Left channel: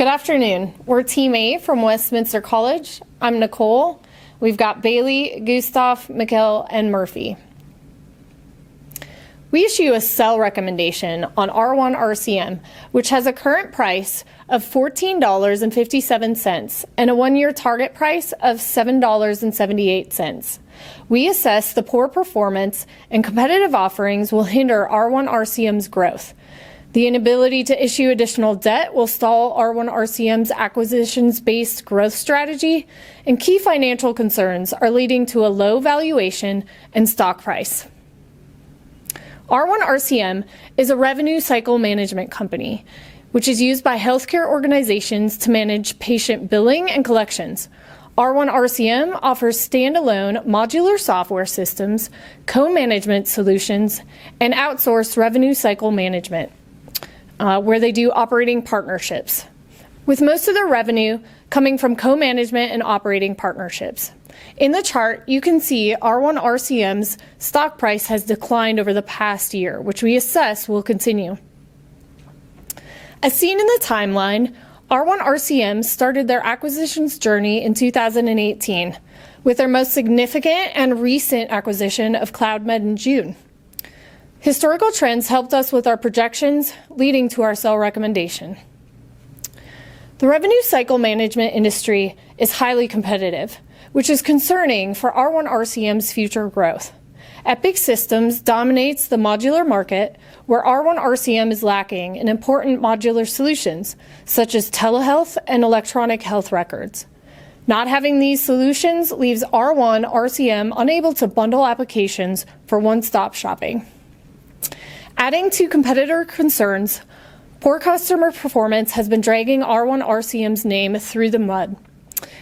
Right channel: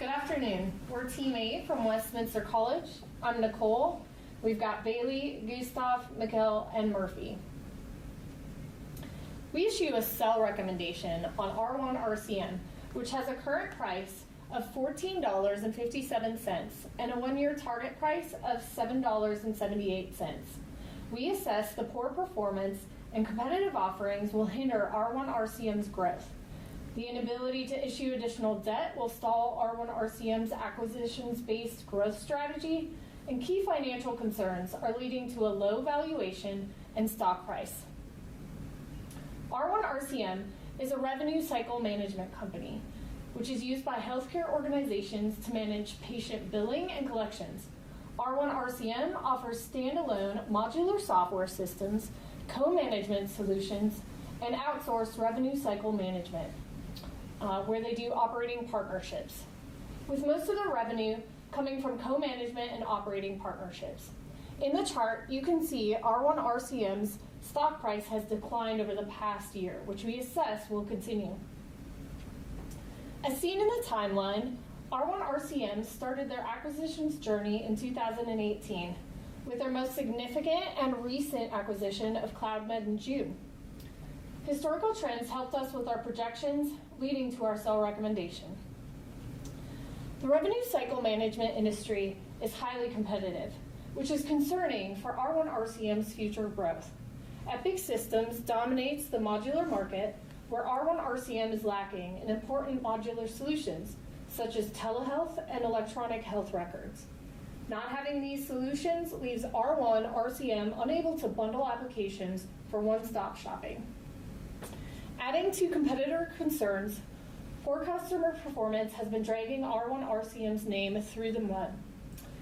Good afternoon. We're Team A from Westminster College. I'm Nicole. We've got Bailey, Gustav, Mikkel, and Murphy. We issue a sell recommendation on R1 RCM, which has a current price of $14.57 and a one-year target price of $7.78. We assess the poor performance and competitive offerings will hinder R1 RCM's growth. The inability to issue additional debt will stall R1 RCM's acquisitions-based growth strategy, and key financial concerns are leading to a low valuation and stock price. R1 RCM is a revenue cycle management company, which is used by healthcare organizations to manage patient billing and collections. R1 RCM offers standalone modular software systems, co-management solutions, and outsourced revenue cycle management, where they do operating partnerships, with most of their revenue coming from co-management and operating partnerships. In the chart, you can see R1 RCM's stock price has declined over the past year, which we assess will continue. As seen in the timeline, R1 RCM started their acquisitions journey in 2018, with their most significant and recent acquisition of CloudMed in June. Historical trends helped us with our projections, leading to our sell recommendation. The revenue cycle management industry is highly competitive, which is concerning for R1 RCM's future growth. Epic Systems dominates the modular market, where R1 RCM is lacking in important modular solutions, such as telehealth and electronic health records. Not having these solutions leaves R1 RCM unable to bundle applications for one-stop shopping. Adding to competitor concerns, poor customer performance has been dragging R1 RCM's name through the mud.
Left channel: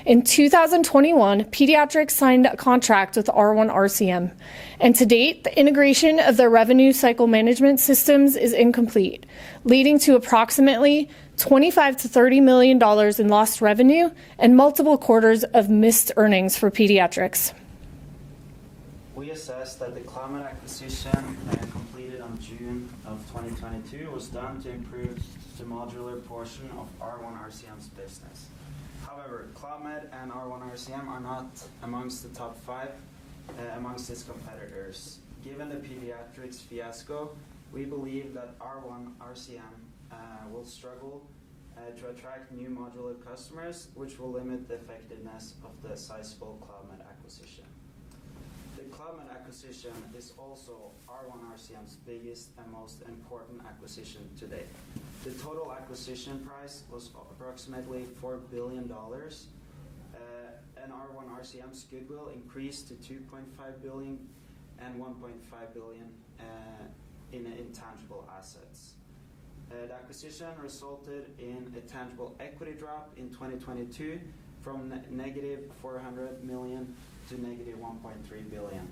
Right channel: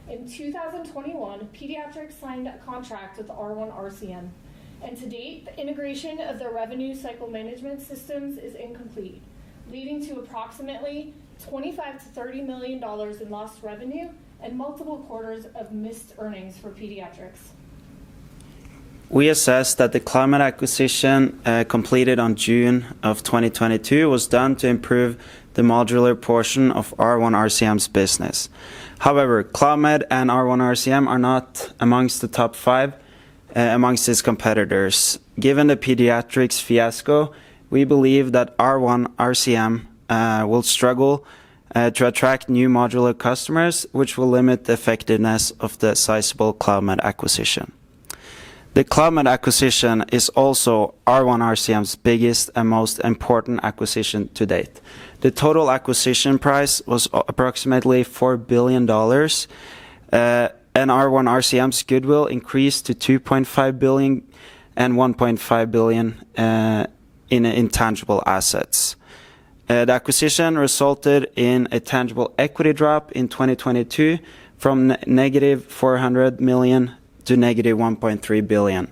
In 2021, Pediatrics signed a contract with R1 RCM, and to date, the integration of their revenue cycle management systems is incomplete, leading to approximately $25 to $30 million in lost revenue and multiple quarters of missed earnings for Pediatrics. We assess that the CloudMed acquisition completed on June of 2022 was done to improve the modular portion of R1 RCM's business. However, CloudMed and R1 RCM are not amongst the top 5 amongst its competitors. Given the Pediatrics fiasco, we believe that R1 RCM will struggle to attract new modular customers, which will limit the effectiveness of the sizable CloudMed acquisition. The CloudMed acquisition is also R1 RCM's biggest and most important acquisition to date. The total acquisition price was approximately $4 billion, and R1 RCM's goodwill increased to $2.5 billion and $1.5 billion in intangible assets. The acquisition resulted in a tangible equity drop in 2022 from negative $400 million to negative $1.3 billion,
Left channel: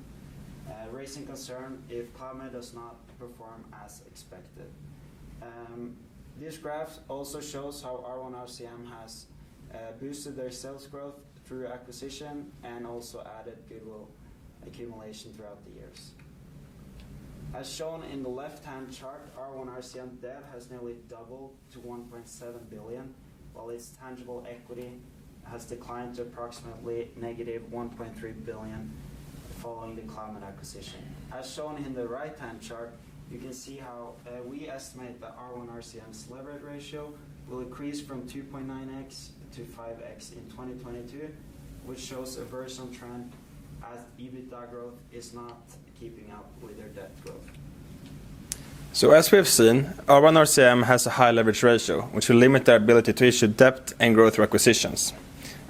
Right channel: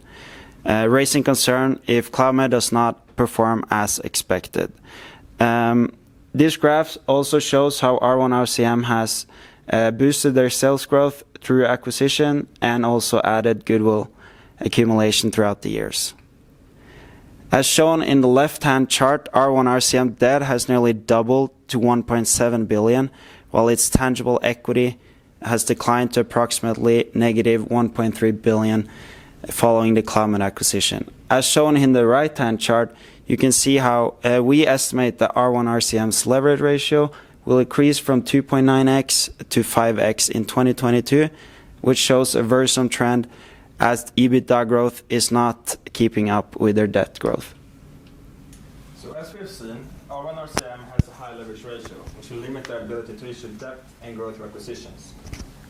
raising concern if CloudMed does not perform as expected. This graph also shows how R1 RCM has boosted their sales growth through acquisition and also added goodwill accumulation throughout the years. As shown in the left-hand chart, R1 RCM debt has nearly doubled to $1.7 billion, while its tangible equity has declined to approximately negative $1.3 billion following the CloudMed acquisition. As shown in the right-hand chart, you can see how we estimate that R1 RCM's leverage ratio will increase from 2.9x to 5x in 2022, which shows a worrisome trend as EBITDA growth is not keeping up with their debt growth. So as we have seen, R1 RCM has a high leverage ratio, which will limit their ability to issue debt and grow through acquisitions.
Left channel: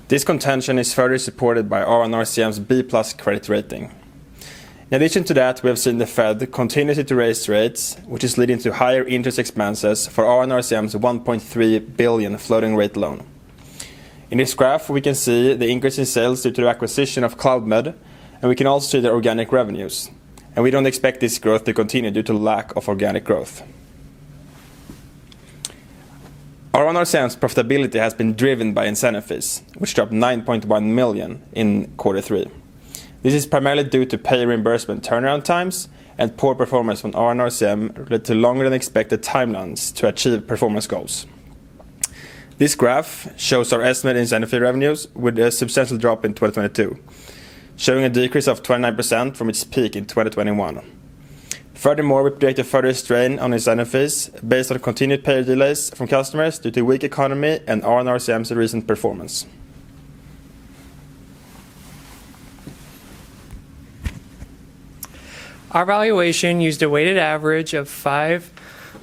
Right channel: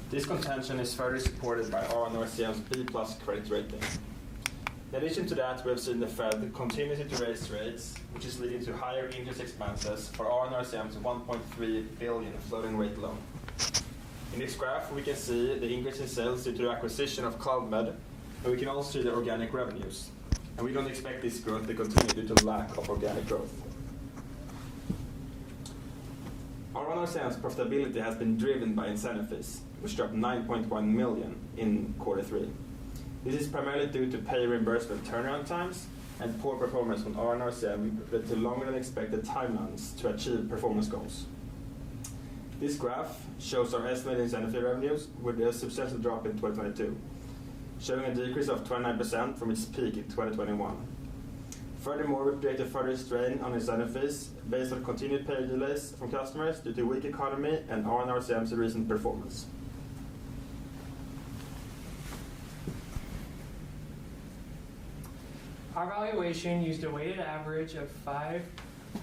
This contention is further supported by R1 RCM's B+ credit rating. In addition to that, we have seen the Fed continue to raise rates, which is leading to higher interest expenses for R1 RCM's $1.3 billion floating rate loan. In this graph, we can see the increase in sales due to the acquisition of CloudMed, and we can also see the organic revenues. And we don't expect this growth to continue due to lack of organic growth. R1 RCM's profitability has been driven by incentive fees, which dropped $9.1 million in Q3. This is primarily due to pay reimbursement turnaround times and poor performance from R1 RCM led to longer than expected timelines to achieve performance goals. This graph shows our estimated incentive fee revenues with a substantial drop in 2022, showing a decrease of 29% from its peak in 2021. Furthermore, we predict a further strain on incentive fees based on continued pay delays from customers due to weak economy and R1RCM's recent performance. Our valuation used a weighted average of five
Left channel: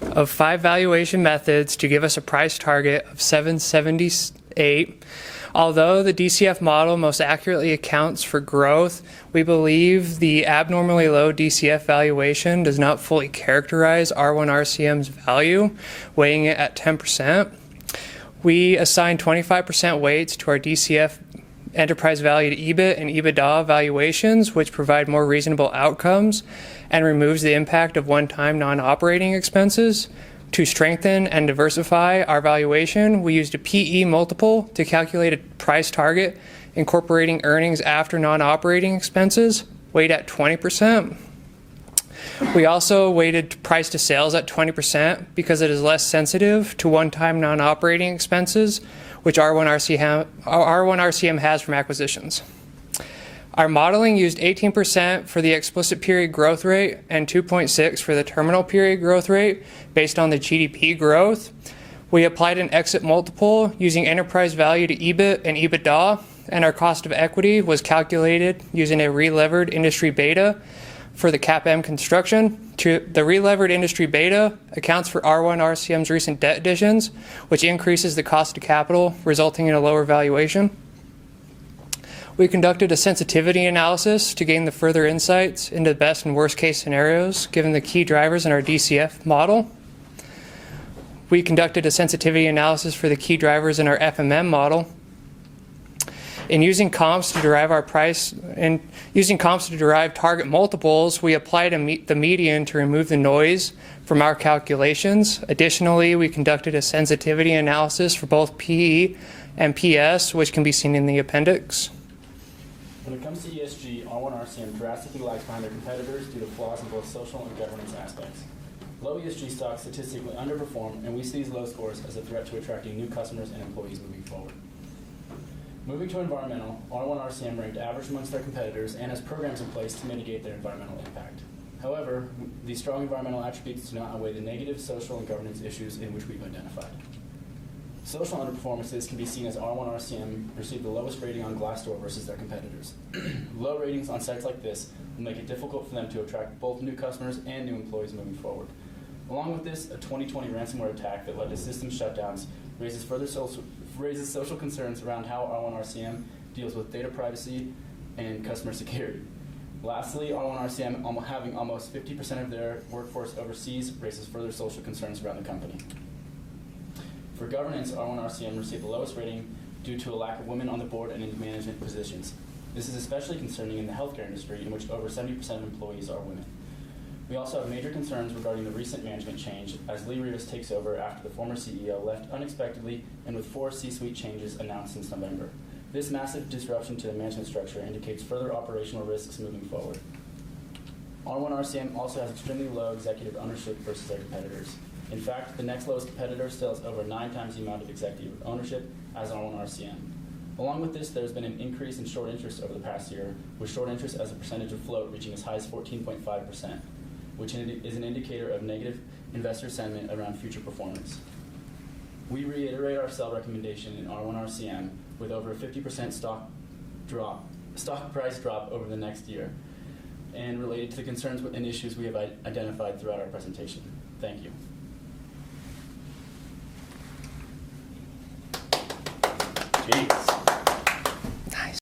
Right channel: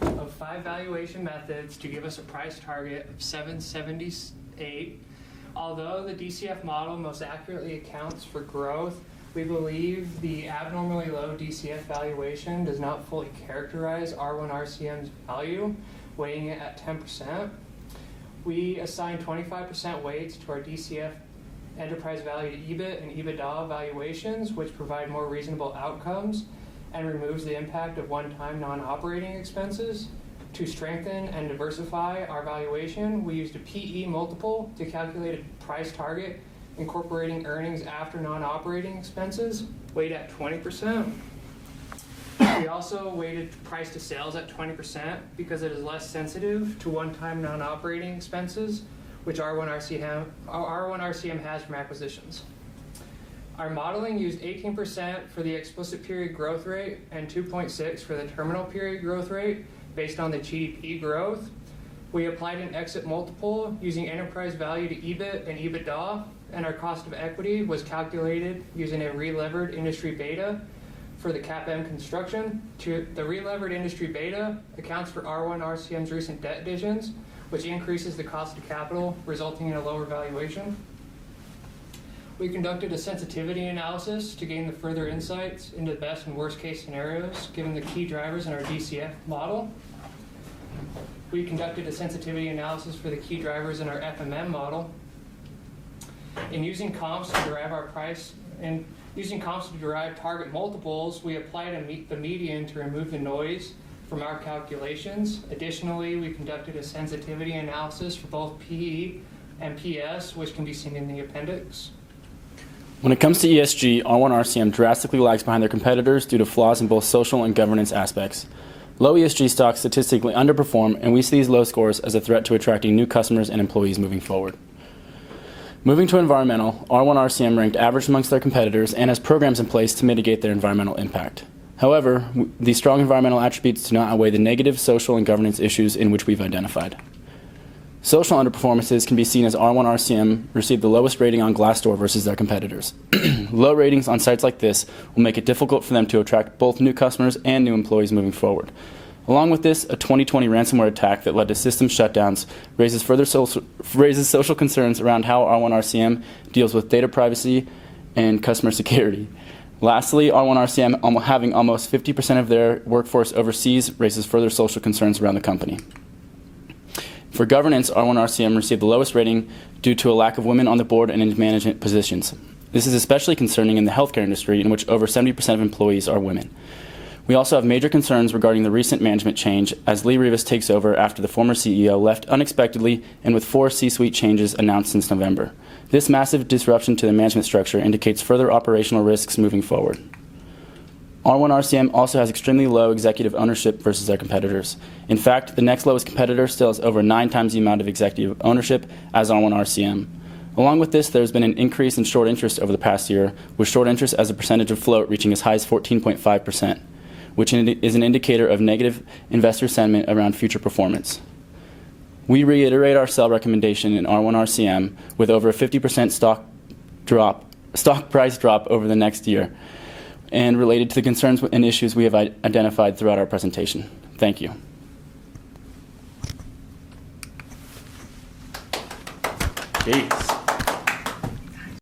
valuation methods to give us a price target of 778. Although the DCF model most accurately accounts for growth, we believe the abnormally low DCF valuation does not fully characterize R1RCM's value, weighing it at 10%. We assign 25% weights to our DCF enterprise value to EBIT and EBITDA valuations, which provide more reasonable outcomes and removes the impact of one-time non-operating expenses. To strengthen and diversify our valuation, we used a PE multiple to calculate a price target incorporating earnings after non-operating expenses, weighed at 20%. We also weighted price to sales at 20% because it is less sensitive to one-time non-operating expenses, which R1RCM has from acquisitions. Our modeling used 18% for the explicit period growth rate and 2.6% for the terminal period growth rate based on the GDP growth. We applied an exit multiple using enterprise value to EBIT and EBITDA, and our cost of equity was calculated using a relevered industry beta for the CAPM construction. The relevered industry beta accounts for R1RCM's recent debt additions, which increases the cost of capital, resulting in a lower valuation. We conducted a sensitivity analysis to gain the further insights into the best and worst case scenarios, given the key drivers in our DCF model. We conducted a sensitivity analysis for the key drivers in our FMM model. In using comps to derive our price and using comps to derive target multiples, we applied the median to remove the noise from our calculations. Additionally, we conducted a sensitivity analysis for both PE and PS, which can be seen in the appendix. When it comes to ESG, R1RCM drastically lags behind their competitors due to flaws in both social and governance aspects. Low ESG stocks statistically underperform, and we see these low scores as a threat to attracting new customers and employees moving forward. Moving to environmental, R1RCM ranked average amongst their competitors and has programs in place to mitigate their environmental impact. However, these strong environmental attributes do not outweigh the negative social and governance issues in which we've identified. Social underperformances can be seen as R1RCM received the lowest rating on Glassdoor versus their competitors. Low ratings on sites like this will make it difficult for them to attract both new customers and new employees moving forward. Along with this, a 2020 ransomware attack that led to system shutdowns raises social concerns around how R1RCM deals with data privacy and customer security. Lastly, R1RCM having almost 50% of their workforce overseas raises further social concerns around the company. For governance, R1RCM received the lowest rating due to a lack of women on the board and in management positions. This is especially concerning in the healthcare industry, in which over 70% of employees are women. We also have major concerns regarding the recent management change, as Lee Rivas takes over after the former CEO left unexpectedly and with 4 C-suite changes announced since November. This massive disruption to the management structure indicates further operational risks moving forward. R1RCM also has extremely low executive ownership versus their competitors. In fact, the next lowest competitor still has over 9 times the amount of executive ownership as R1RCM. Along with this, there's been an increase in short interest over the past year, with short interest as a percentage of float reaching as high as 14.5%, which is an indicator of negative investor sentiment around future performance. We reiterate our sell recommendation in R1RCM with over a 50% stock price drop over the next year, and related to the concerns and issues we have identified throughout our presentation. Thank you. Okay.